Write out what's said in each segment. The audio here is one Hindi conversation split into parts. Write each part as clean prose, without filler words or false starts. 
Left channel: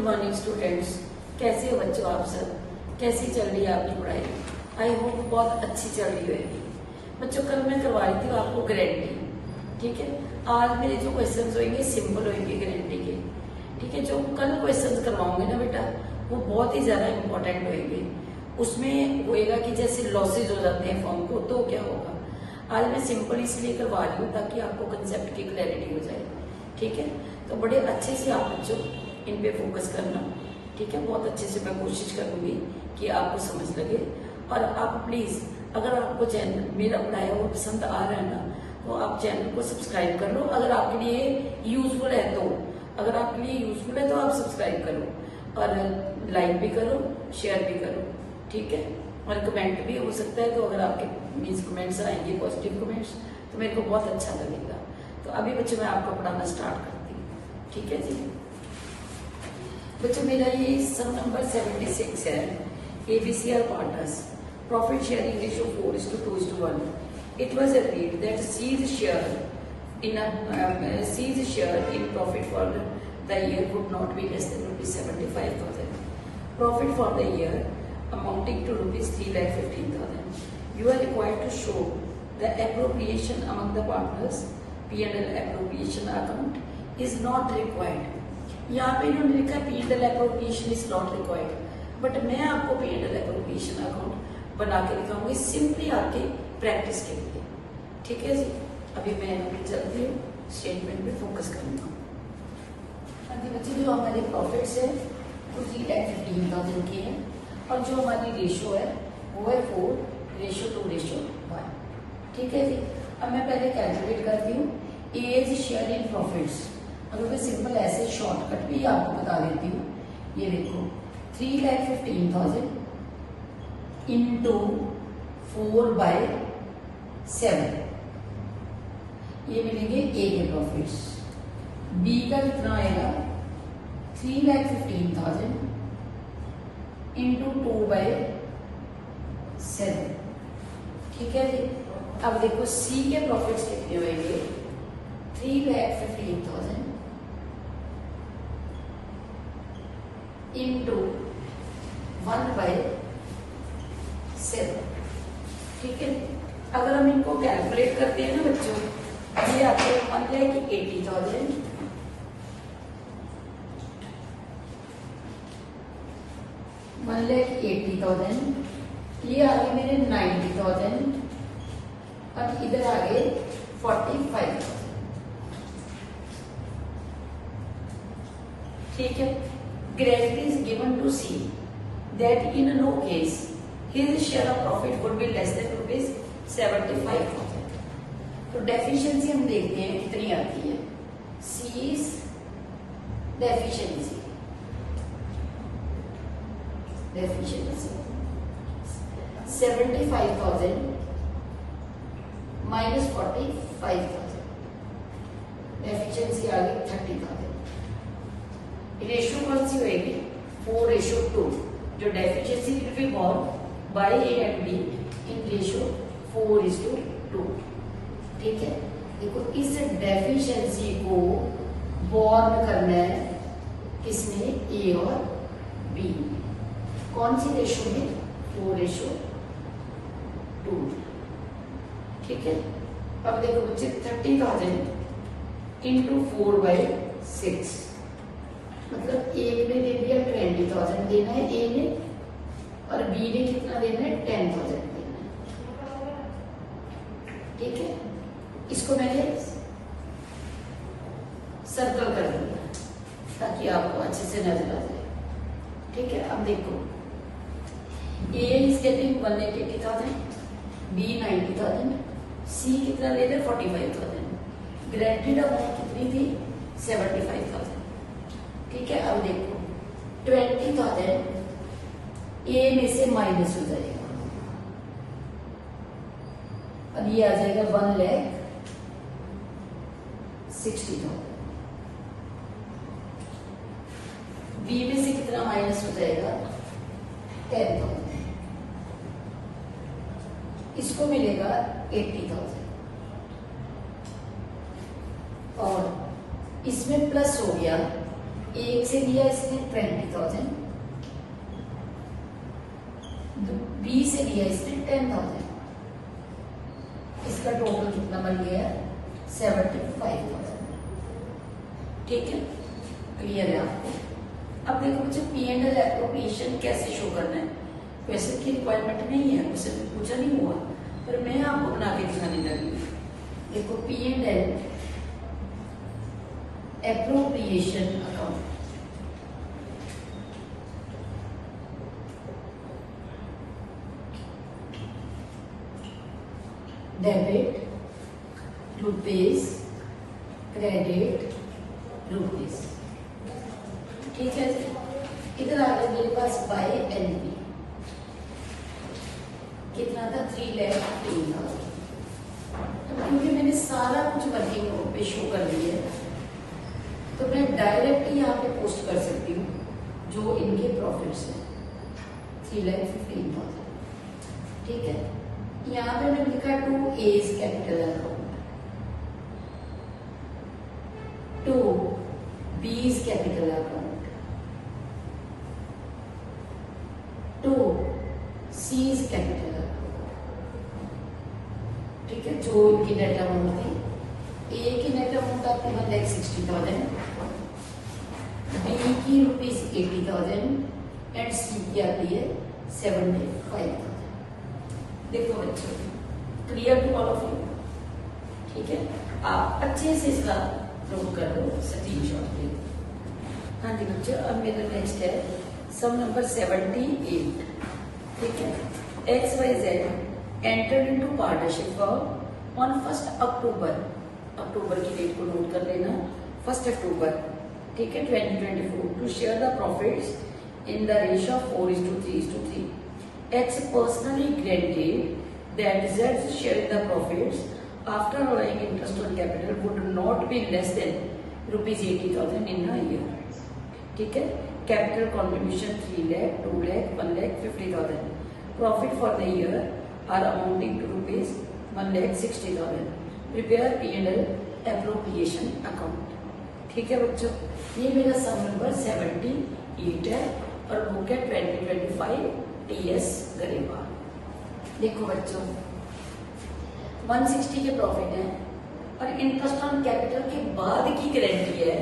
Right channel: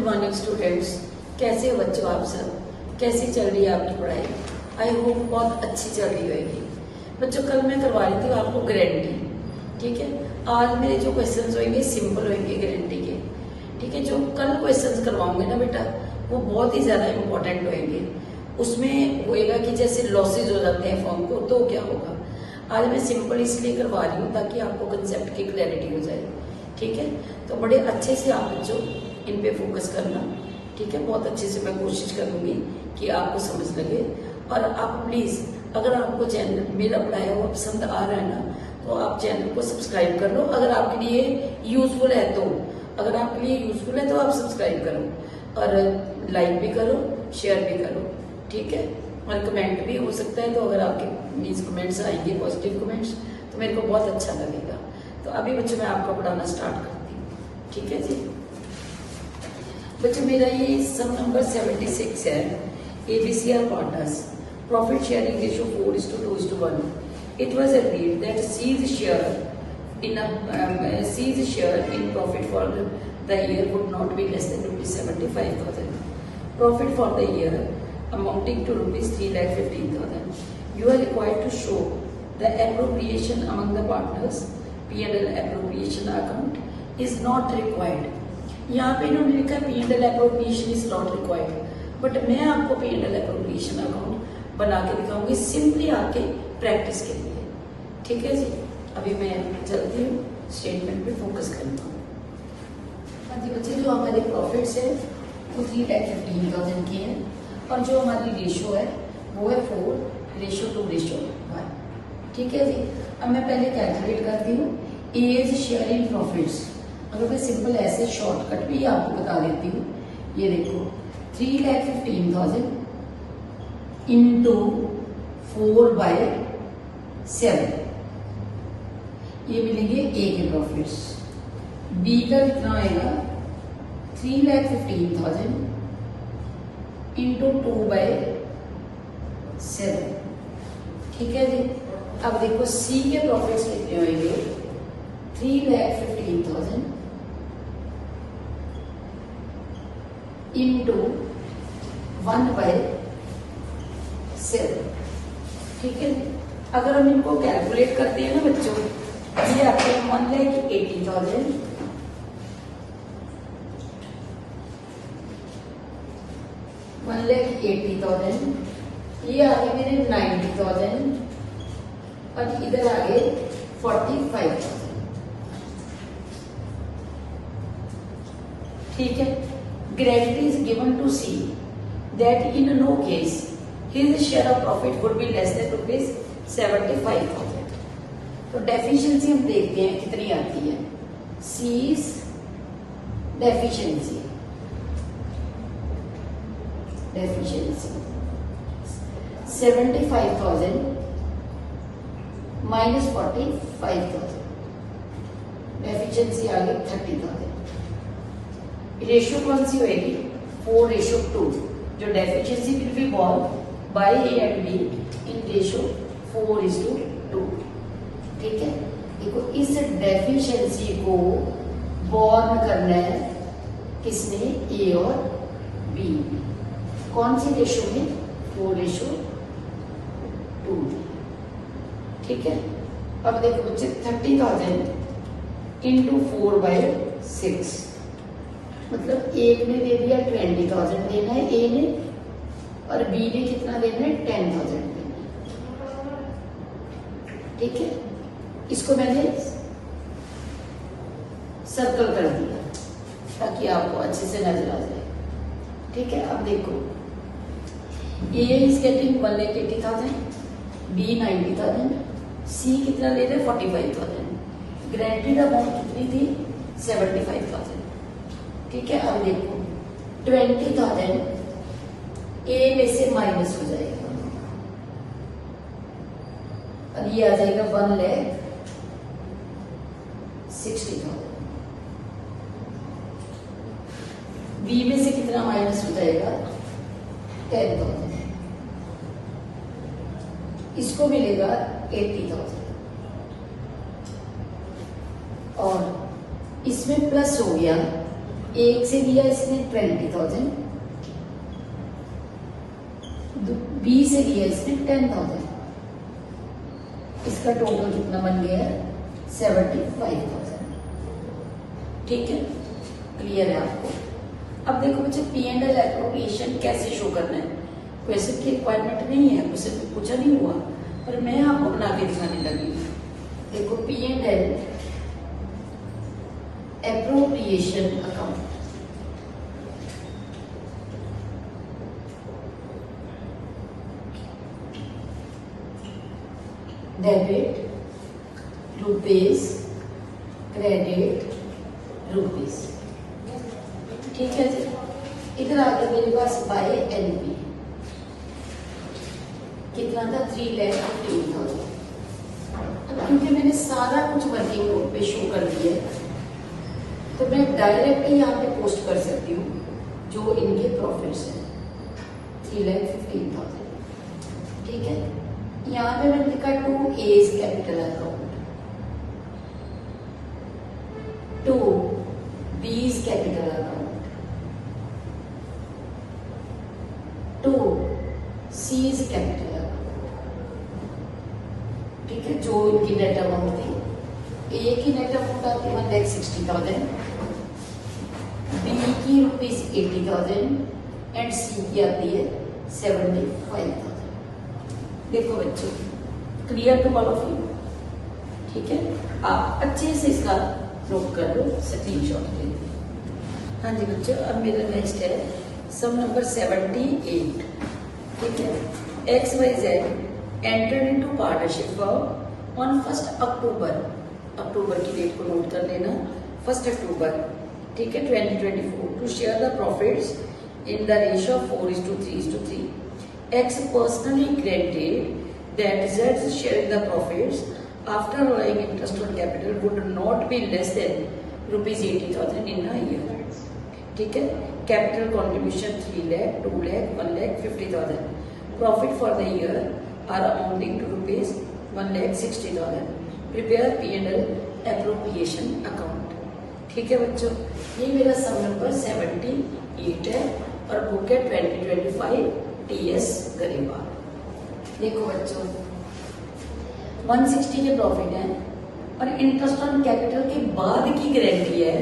Good morning students. कैसे हो बच्चों आप सब? कैसी चल रही है आपकी पढ़ाई? आई होप बहुत अच्छी चल रही होगी। बच्चों कल मैं करवा रही थी आपको गारंटी, ठीक है। आज मेरे जो क्वेश्चंस होंगे सिंपल होंगे गारंटी के, ठीक है। जो कल क्वेश्चंस करवाऊंगे ना बेटा वो बहुत ही ज्यादा इंपॉर्टेंट होंगे। उसमें होएगा कि जैसे लॉसेज हो जाते हैं फॉर्म को तो क्या होगा। आज मैं सिंपल इसलिए करवा रही हूँ ताकि आपको कंसेप्ट की क्लैरिटी हो जाए, ठीक है। तो बड़े अच्छे से आप बच्चों इन पे फोकस करना, ठीक है। बहुत अच्छे से मैं कोशिश करूंगी कि आपको समझ लगे। और आप प्लीज अगर आपको चैनल मेरा पढ़ाया हुआ पसंद आ रहा है ना तो आप चैनल को सब्सक्राइब कर लो। अगर आपके लिए यूजफुल है तो, अगर आपके लिए यूजफुल है तो आप सब्सक्राइब करो और लाइक भी करो, शेयर भी करो, ठीक है। और कमेंट भी हो सकता है, तो अगर आपके मीन्स कमेंट्स आएंगे पॉजिटिव कमेंट्स तो मेरे को बहुत अच्छा लगेगा। तो अभी बच्चों मैं आपको पढ़ाना स्टार्ट करती हूँ, ठीक है जी। बच्चों मेरा ये सम नंबर 76 है। ABCR partners profit sharing ratio 4:2:1. It was agreed that C's share in profit for the year would not be less than rupees 75,000. Profit for the year amounting to rupees 3,15,000. You are required to show the appropriation among the partners. P&L appropriation account is not required. यहाँ पे इन्होंने लिखा P&L appropriation is not required, but मैं आपको P&L appropriation अकाउंट बना के दिखाऊंगी सिंपली आपके प्रैक्टिस के लिए, ठीक है जी। अभी मैं चलती हूँ स्टेटमेंट पे फोकस करता हूँ। हाँ जी बच्चे, जो हमारे प्रॉफिट्स है वो 3,15,000 की है और जो हमारी रेशो है वो है 4:2:1, ठीक है जी। अब मैं पहले कैलकुलेट करती हूँ एज शेयर इन प्रॉफिट्स। अगर मैं सिंपल ऐसे शॉर्टकट भी आपको बता देती हूँ, ये देखो 3,15,000 इंटू 4/7 ये मिलेंगे ए के प्रॉफिट्स। बी का कितना आएगा 3,15,000 इंटू 2/7, ठीक है जी। अब देखो सी के प्रॉफिट्स कितने होंगे 3,15,000 इंटू 1/7, ठीक है। अगर हम इनको कैलकुलेट करते हैं ना बच्चों, ये आते हैं 1,80,000 1,80,000, ये आगे मेरे 90,000 और इधर आगे 45,000, ठीक है। Guarantee is given to C that in no case his share of profit would be less than rupees 75,000. तो डेफिशिएंसी हम देखते हैं कितनी आती है। C's डेफिशिएंसी 75,000 माइनस 45,000, डेफिशिएंसी आ गई 30,000। रेशियो कौन सी होगी 4:2, जो deficiency will be borne by A and B in ratio 4:2, ठीक है। देखो इस डेफिशिएंसी को बॉर्न करना है किसने, ए और बी। कौन सी रेशियो में 4:2, ठीक है। अब देखो बच्चे 30,000 इंटू 4/6, मतलब एक ने दे दिया 20,000 देना है ए ने और बी ने कितना देना है 10,000 देना है, ठीक है। इसको मैंने सर्कल कर दिया ताकि आपको अच्छे से नजर आ जाए, ठीक है। अब देखो ए इज गेटिंग 1,80,000, बी 90,000, सी कितना ले रहे 45,000, गारंटीड अमाउंट कितनी थी 75,000, ठीक है। अब देखो 20,000 ए में से माइनस हो जाएगा, अब ये आ जाएगा 1,60,000। बी में से कितना माइनस हो जाएगा 10,000, इसको मिलेगा 80,000 और इसमें प्लस हो गया एक से लिया इसने 20,000, बी से लिया इसने 10,000, इसका टोटल कितना बन गया है 75,000। ठीक है, क्लियर है आपको। अब देखो बच्चे P&L एप्रोप्रिएशन कैसे शो करना है, क्वेश्चन की रिक्वायरमेंट नहीं है, मुझसे कुछ पूछा नहीं हुआ, पर मैं आपको बना के दिखाने लगी। देखो P&L appropriation account, debit rupees, credit rupees. ठीक है जी। इधर आ गया मेरे पास बाय एनपी, कितना था 3,15,000। तो क्योंकि मैंने सारा कुछ वर्किंग पे शो कर दिया है, तो मैं डायरेक्ट यहाँ पे पोस्ट कर सकती हूँ जो इनके प्रॉफिट्स हैं 3,15,000। ठीक है, यहाँ पे मैंने लिखा 2A capital account, 2B capital account, 2C capital account. ठीक है, जो इनकी नेट अमाउंट थी, ए की नेट अमाउंट आती है 1,60,000, बी की ₹80,000 एंड सी की आती है 75,000। देखो बच्चों, clear to all of you. ठीक है, आप अच्छे से इसका नोट कर लो, स्क्रीनशॉट ले। हाँ जी बच्चों, अब मेरा नेक्स्ट है सम नंबर 78। ठीक है, XYZ enter into partnership form on 1 अक्टूबर, अक्टूबर की डेट को नोट कर लेना, 1 अक्टूबर। ठीक है, 2024 to share the profits in the ratio of 4:3:3. X personally granted that Z's share in the profits after allowing interest on capital would not be less than ₹80,000 in a year. ठीक है, capital contribution 3 lakh, 2 lakh, 1 lakh, 50,000. Profit for the year are amounting to ₹1,60,000. Prepare P&L appropriation account. ठीक है बच्चों, ये मेरा सम नंबर 78 है और बुक है 2025 TS गरेवा। देखो बच्चों, 160 के प्रॉफिट है और इंटरेस्ट ऑन कैपिटल के बाद की गारंटी है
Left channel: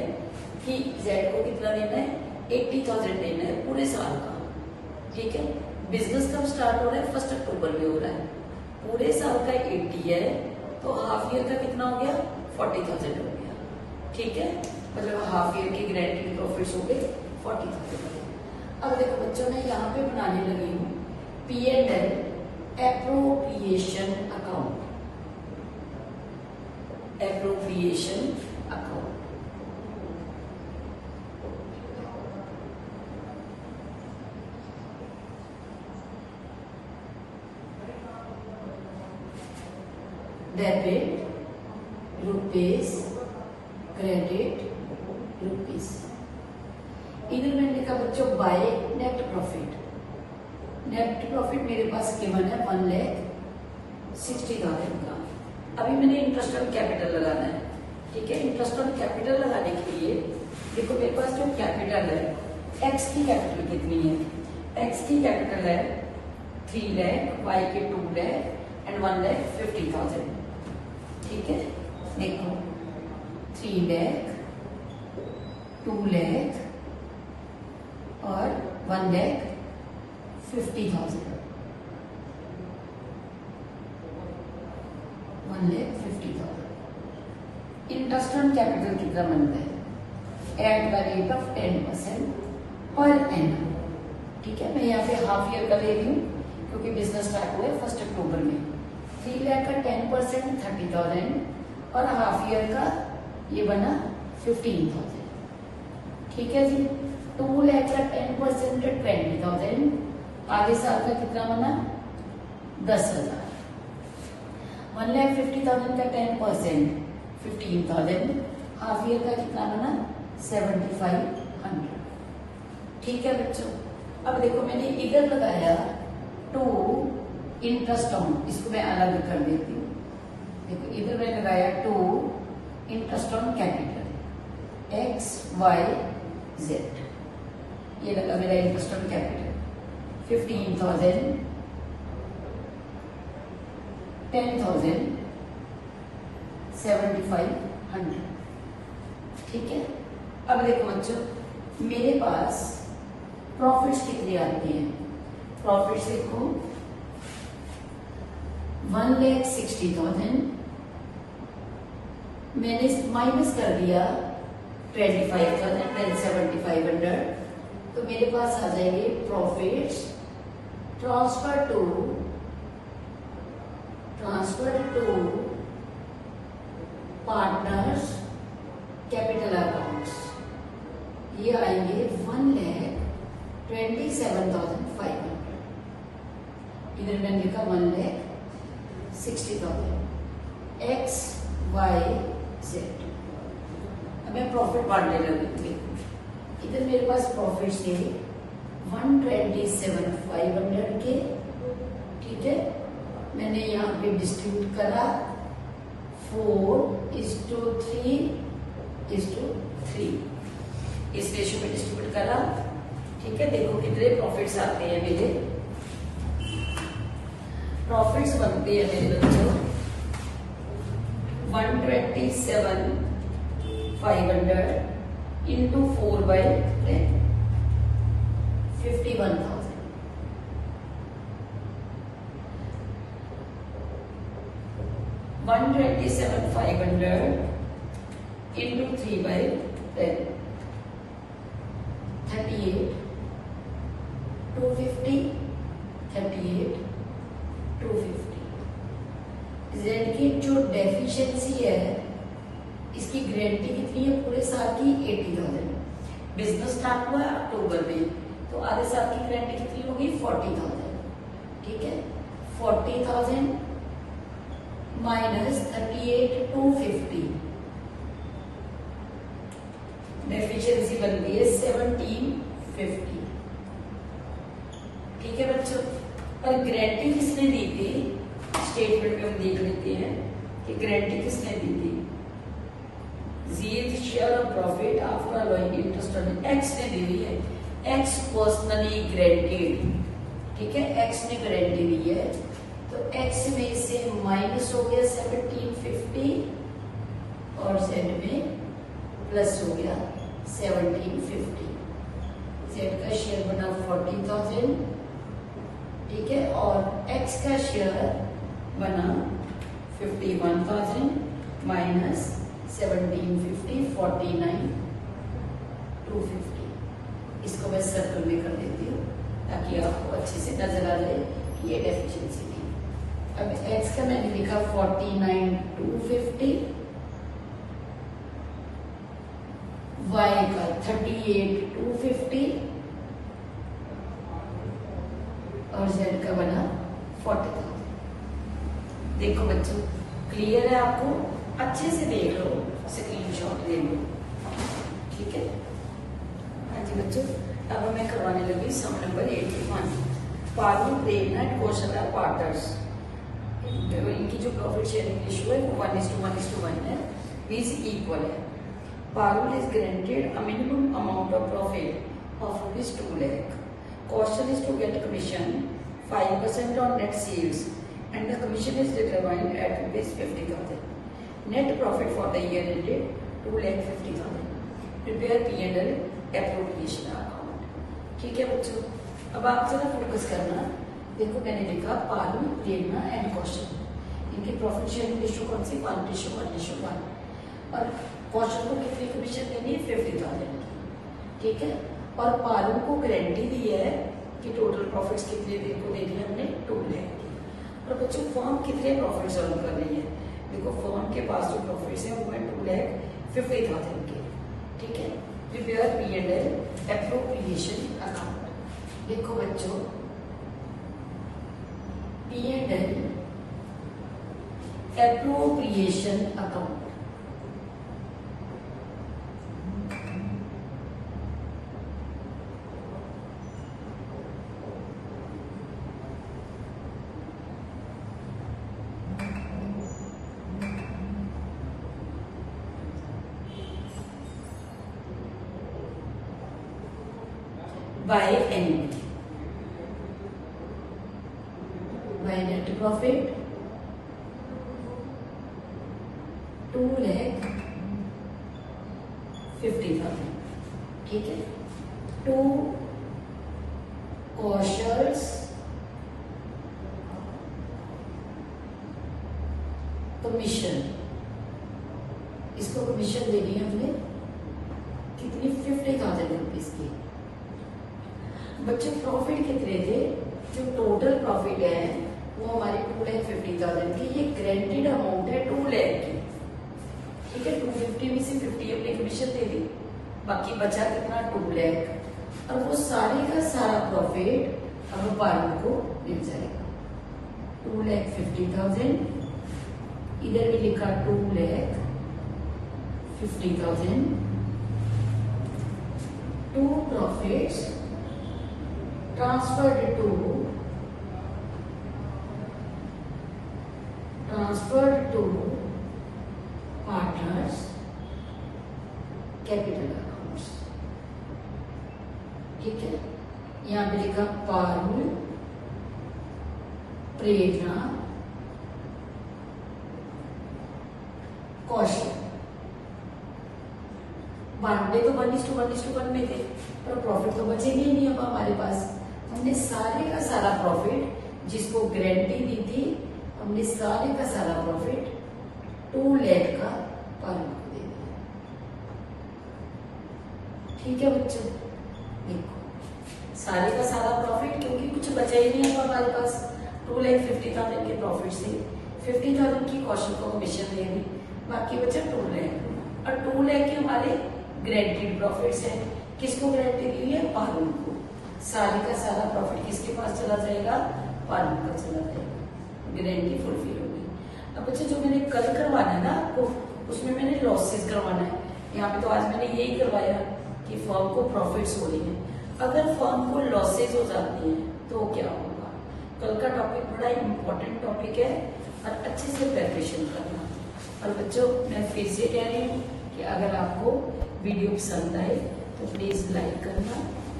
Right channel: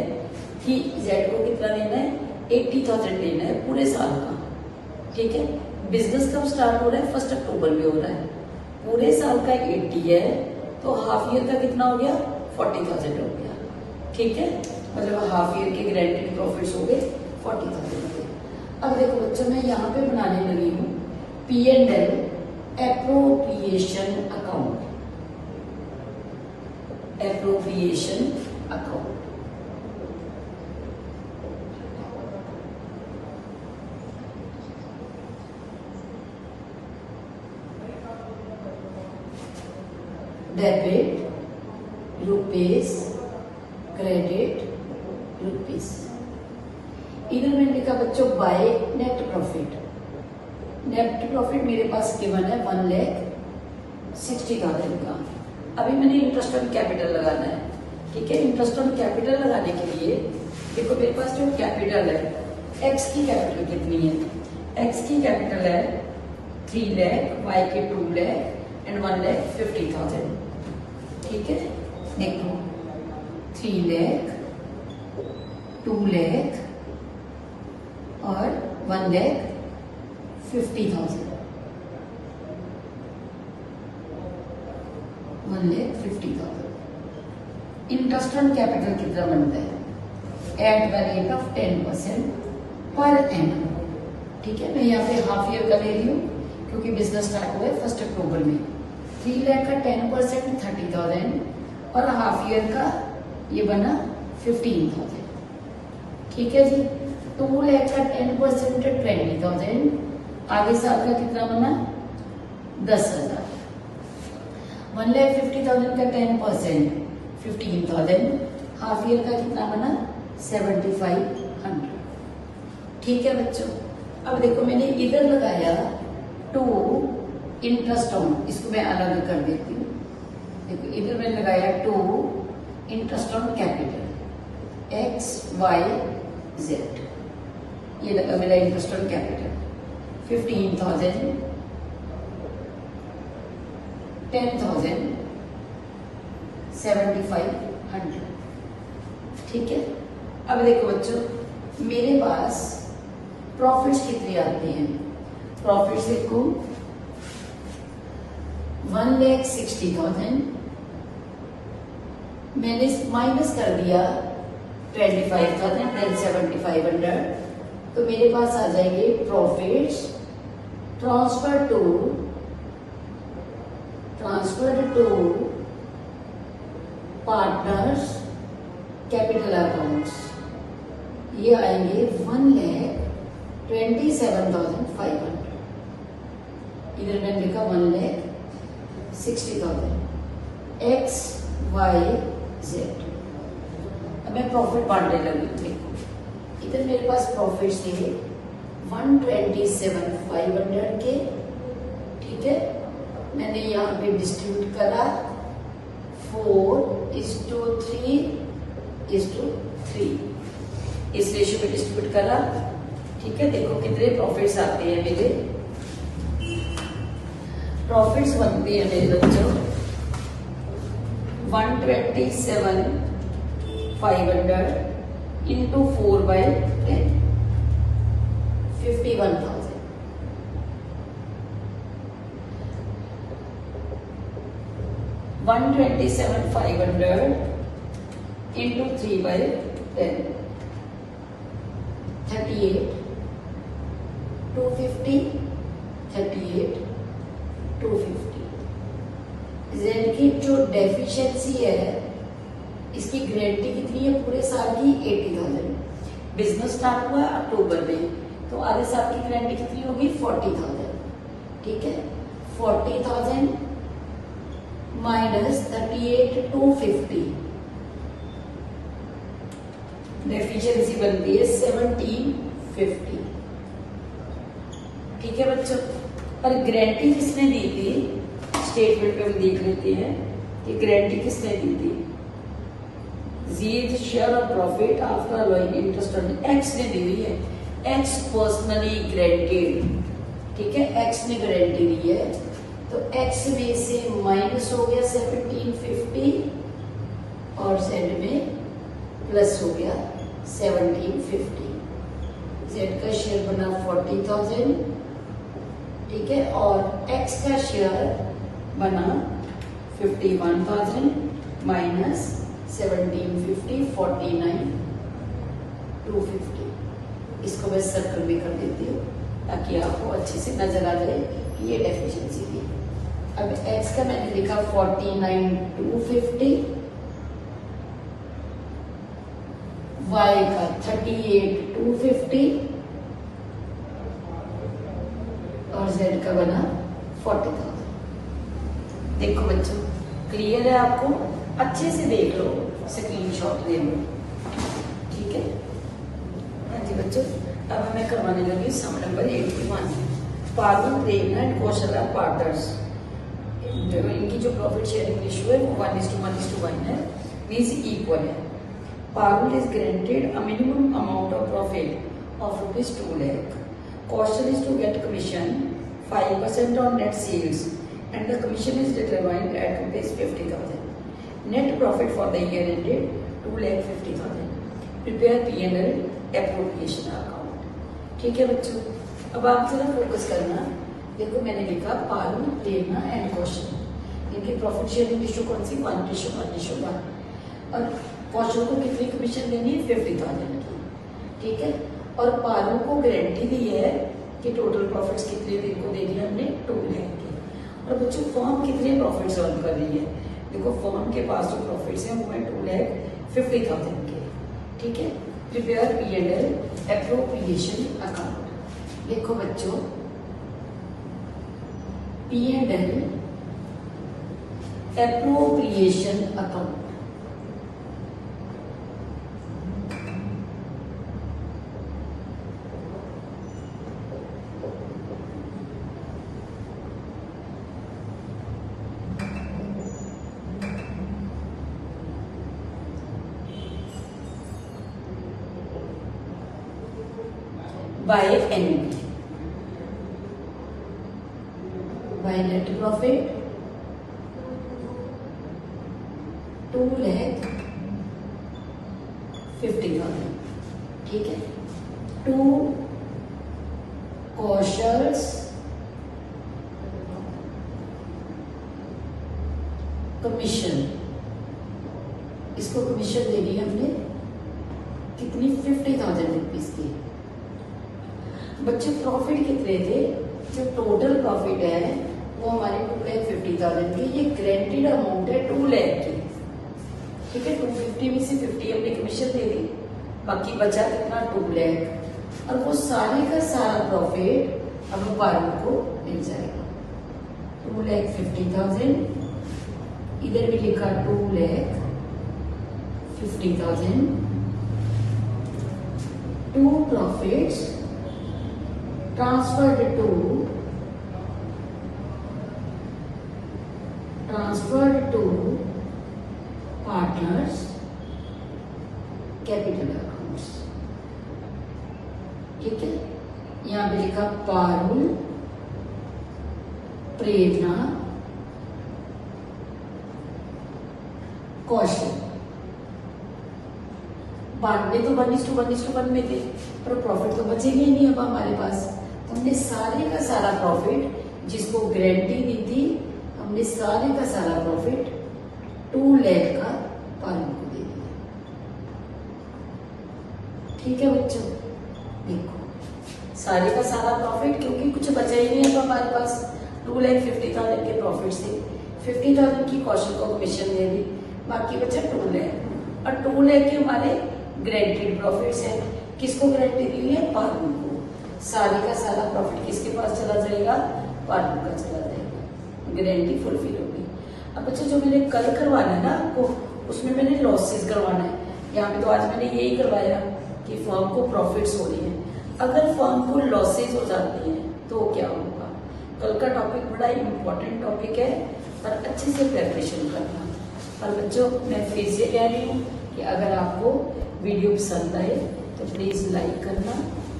कि जेड को कितना देना है 80,000 देना है पूरे साल का। ठीक है, बिजनेस कब स्टार्ट हो रहा है 1 अक्टूबर में हो रहा है, पूरे साल का 80 है तो हाफ ईयर का कितना हो गया 40,000 हो गया। ठीक है, मतलब हाफ ईयर की गारंटी प्रॉफिट्स हो गए 40,000 के। अब देखो बच्चों, मैं यहाँ पे बनाने लगी हूँ P&L appropriation account, appropriation account. Debit rupees, credit rupees. इधर मैंने लिखा बच्चों bye net profit. Net profit मेरे पास गिवन है 1,60,000 का। अभी मैंने इंटरेस्ट ऑन कैपिटल लगाना है। ठीक है, इंटरेस्ट ऑन कैपिटल लगाने के लिए देखो मेरे पास जो कैपिटल है, एक्स की कैपिटल कितनी है, एक्स की कैपिटल है 3 लाख, वाई के 2 लाख एंड 1,50,000। ठीक है, देखो 3 लाख, 2 लाख और 1,50,000, 1,50,000। इंटरेस्ट ऑन कैपिटल कितना बनता है at the rate of 10% per annum. ठीक है, मैं यहाँ पे हाफ ईयर का ले रही हूँ क्योंकि बिजनेस स्टार्ट हुआ है 1 अक्टूबर में। 3 लाख का 10% 30,000 और हाफ ईयर का ये बना 15,000। ठीक है जी, 2 लाख का 10% 20,000, आगे साल का कितना बना 10,000। 1,50,000 का 10% 15,000, हाफ ईयर का कितना बना 7,500। ठीक है बच्चों, अब देखो मैंने इधर लगाया 2 इंटरेस्ट ऑन, इसको मैं अलग कर देती हूँ। देखो इधर मैंने लगाया 2 interest on capital, X Y Z. ये लगा मेरा इंटरेस्ट ऑन कैपिटल 15,000, 10,000, 7,500। ठीक है। अब देखो बच्चों, मेरे पास प्रॉफिट्स कितनी आती हैं। प्रॉफिट्स देखो 1,60,000, मैंने माइनस कर दिया 25,000 देन 7,500, तो मेरे पास आ जाएंगे profits transfer to partners capital accounts. ये आएंगे 1,27,500। इधर मैंने लिखा 1,60,000 एक्स वाई जेड। अब मैं प्रॉफिट बांटने लगी। देखो इधर मेरे पास प्रॉफिट थे 127,500 के। ठीक है, मैंने यहाँ पे डिस्ट्रीब्यूट करा 4:3:3 इस रेशियो में डिस्ट्रीब्यूट करा। ठीक है, देखो कितने प्रॉफिट्स आते हैं मेरे। प्रॉफिट्स बनते हैं मेरे बच्चों 127,500 इंटू 4/10 51,000। 127,500 इंटू 3/10 38,250 38,250। जेड की जो डेफिशिएंसी है इसकी गारंटी कितनी है पूरे साल की 80,000। बिजनेस स्टार्ट हुआ अक्टूबर में, तो आधे साल की गारंटी कितनी होगी 40,000। ठीक है, 40,000 माइनस 38,250 डेफिशिएंसी बनती है 1750। ठीक है बच्चों, और गारंटी किसने दी थी स्टेटमेंट पे हम देख लेते हैं कि गारंटी किसने दी थी। Zero share of profit after allowing interest on x ने दी हुई है। X personally guaranteed. ठीक है, एक्स ने गारंटी दी है, तो एक्स में से माइनस हो गया 1750 और जेड में प्लस हो गया 1750। जेड का शेयर बना 40,000। ठीक है, और एक्स का शेयर बना 51,000 माइनस 1750 49,250। इसको मैं सर्कल में कर देती हूँ ताकि आपको अच्छे से नजर आ जाए कि ये डेफिशिएंसी थी। अब एक्स का मैंने लिखा 49,250, वाई का 38,250 और जेड का बना 40,000। देखो बच्चों क्लियर है आपको, अच्छे से देख लो, स्क्रीनशॉट ले लो। ठीक है, हाँ जी बच्चों, अब मैं करवाने लगी sum number 81। Parul, Prerna and Kaushal are partners. इनकी जो प्रॉफिट शेयरिंग रेशियो है वो 1:1:1 है, मींस इक्वल है। Parul is granted a minimum amount of profit of ₹2 lakh. Kaushal is to get commission 5% on net sales and the commission is determined at ₹50,000. Net profit for the year ended 2,50,000. Prepare P&L appropriation account. ठीक है बच्चों, अब आप जरा फोकस करना। देखो मैंने लिखा पारुल, प्रेरणा एंड कौशल, इनकी प्रॉफिट शेयरिंग रेशियो कौन सी 1:1:1। और कौशल को कितनी कमीशन देनी है 50,000 की। ठीक है, और पारुल को गारंटी दी है कि टोटल प्रॉफिट्स कितने दिन को देनी है हमने 2 lakh की। और बच्चों फर्म कितने प्रॉफिट्स अर्न कर रही है। देखो फर्म के पास जो प्रॉफिट्स है वो है 2,50,000 के। ठीक है, प्रिपेयर P&L एप्रोप्रिएशन अकाउंट। देखो बच्चों P&L appropriation account. By NB, by net profit 2,50,000, ठीक है। 2 कॉशर्स कमीशन, इसको कमीशन दे दी हमने कितनी 50,000 रुपीज की। बच्चे प्रॉफिट कितने थे, जो टोटल प्रॉफिट है वो हमारे 2,50,000 की, ये ग्रेंटेड अमाउंट है 2 लाख की, ठीक है। 250 में से 50 हमने कमीशन दे दी, बाकी बचा कितना 2 लाख, और वो सारे का सारा प्रॉफिट अब बालू को मिल जाएगा। 2,50,000, इधर भी लिखा 2,50,000, 2 profits transferred to partners capital accounts, ठीक है। यहां पे लिखा पारुल, प्रेरणा, कौशल। बांटने तो 1:1 में थे, पर प्रॉफिट तो बचेगी ही नहीं अब हमारे पास। हमने सारे का सारा प्रॉफिट, जिसको गारंटी दी थी, हमने सारे का सारा प्रॉफिट 2 लाख का पालू को दे दिया, ठीक है बच्चों। देखो सारे का सारा प्रॉफिट, क्योंकि कुछ बचा ही नहीं है अब हमारे पास। 2,50,000 के प्रॉफिट से 50,000 की कौशल को कमीशन दे दी, बाकी बचा 2 लाख, और 2 लाख के हमारे ग्रेंटेड प्रॉफिट्स है। किसको गारंटी दी है, पालू को। सारे का सारा प्रॉफिट किसके पास चला जाएगा, पालू का चला जाएगा, गारंटी फुलफिल होगी। अब बच्चों जो मैंने कल करवाना है ना आपको, उसमें मैंने लॉसेस करवाना है। यहाँ पे तो आज मैंने यही करवाया कि फर्म को प्रॉफिट्स हो रहे हैं, अगर फर्म को लॉसेज हो जाते हैं तो क्या होगा। कल का टॉपिक बड़ा इंपॉर्टेंट टॉपिक है, और अच्छे से प्रिपरेशन करना। और बच्चों मैं फिर से कह रही हूँ कि अगर आपको वीडियो पसंद आए तो प्लीज लाइक करना,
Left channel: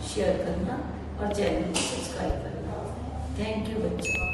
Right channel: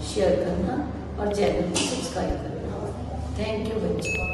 शेयर करना और चैनल को सब्सक्राइब करना। थैंक यू बच्चों।